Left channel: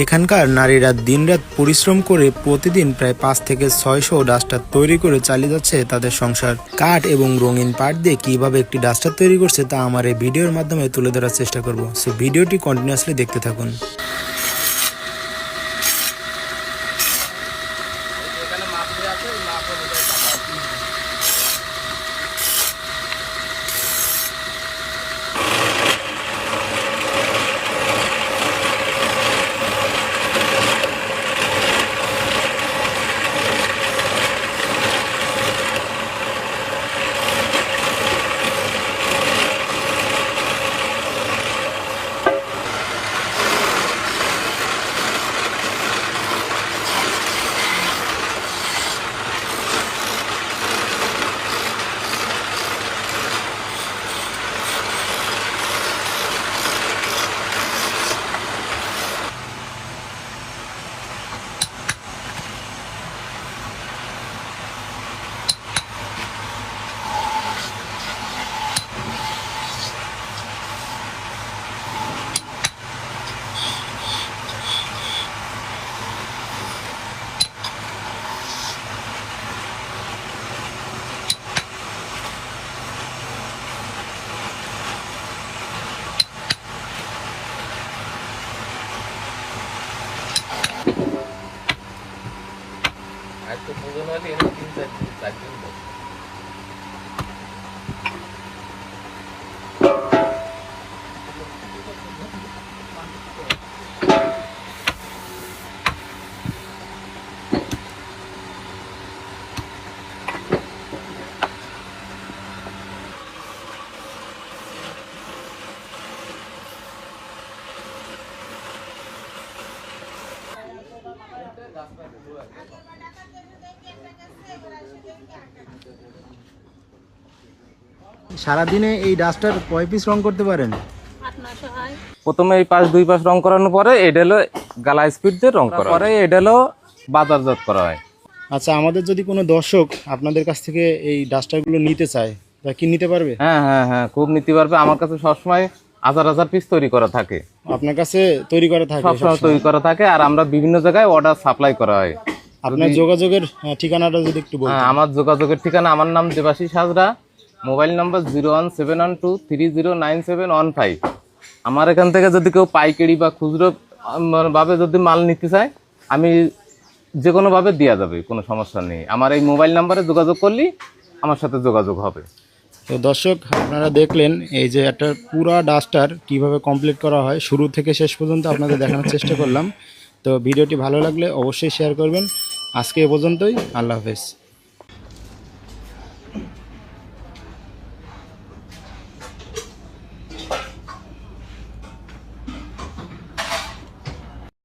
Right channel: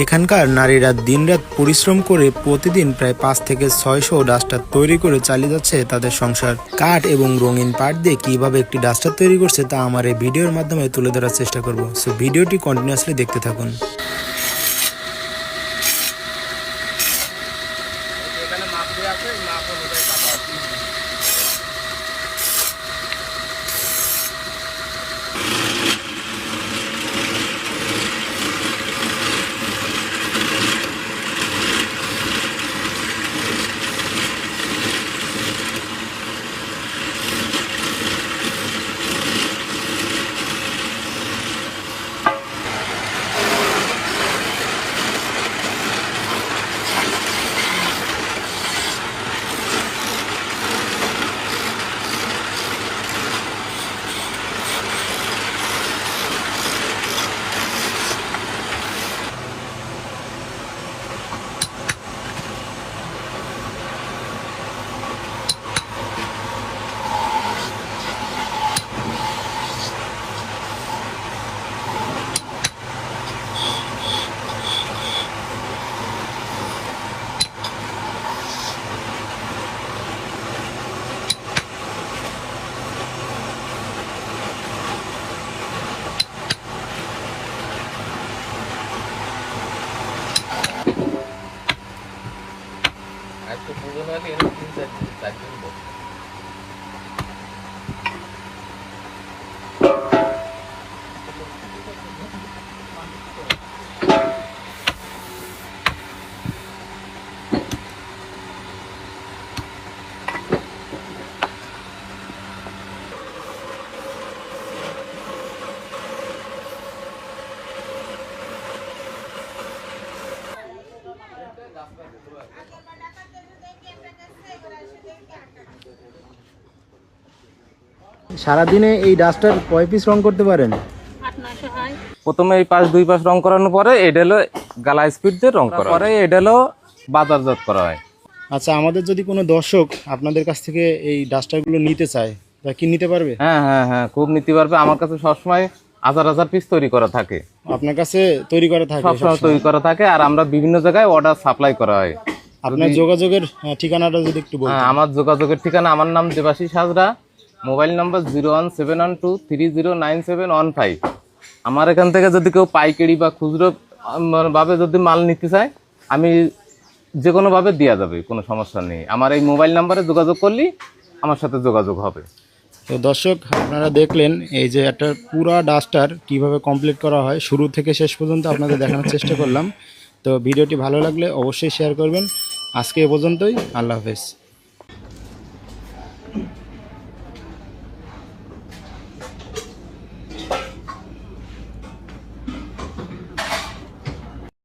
এখানকার নারীরা দিনরাত পরিশ্রম করে প্রতিদিন প্রায় 5 থেকে 600 ডাস্টার তৈরি করে চালিয়ে যাচ্ছে তাদের সংসার। কাঠ এবং রঙিন পাট দিয়ে কিভাবে একটি ডাস্টার তৈরি করছে তা আমার এই ভিডিওর মাধ্যমে তুলে ধরার চেষ্টা করব। সো ভিডিওটি কন্টিনিউয়াসলি দেখতে থাকুন। সারাদিনে এই ডাস্টার কয় পিস রং করতে পারেন? প্রথমে এই পাশ দুই পাশ রং করানোর পরে এটা হলো গালা স্পিড দিয়ে রং করা পরে এটা হলো বাজারজাত করা হয়। আচ্ছা, আমাদের যদি কোনো দর্শক আপনাদের কাছ থেকে এই ডাস্টারগুলো নিতে চায় তা কি নিতে পারবে? হ্যাঁ হ্যাঁ হ্যাঁ, খুব নিতে পারবে। আমার কাছে সবসময় হাজার হাজার পিস তৈরি করা থাকে। আপনার কাছে তৈরি করা থাকে? সবসময় তৈরি করা থাকে, আর আমরা বিভিন্ন জায়গায় অর্ডার সাপ্লাই করা হয়। আপনার যোগাযোগের ঠিকানাটা যদি একটু বলতেন। হ্যাঁ, আমার যোগাযোগের ঠিকানা, আমার নাম দেবাশিস হাজরা, মোবাইল নাম্বার 01712309715। আমার এখান থেকে যদি কেউ পাইকারি বা খুচরো ভাবে যদি মাল নিতে চায়, আমি যে কোনোভাবে দেওয়া যাবে, কোনো সমস্যা নেই। আমার এই মোবাইল নাম্বারে যোগাযোগ করলেই আমার সাথে যোগাযোগ হবে। তো দর্শক, আপনারা দেখলেন এই যে একটা পুরা ডাস্টার কিভাবে কমপ্লিট করা হয়, শুরু থেকে শেষ পর্যন্ত আপনাদের দেখানোর চেষ্টা করলাম। তো ভিডিওটি ভালো লাগলে অবশ্যই শেয়ার করবেন। আজকে এ পর্যন্তই। আল্লাহ হাফেজ।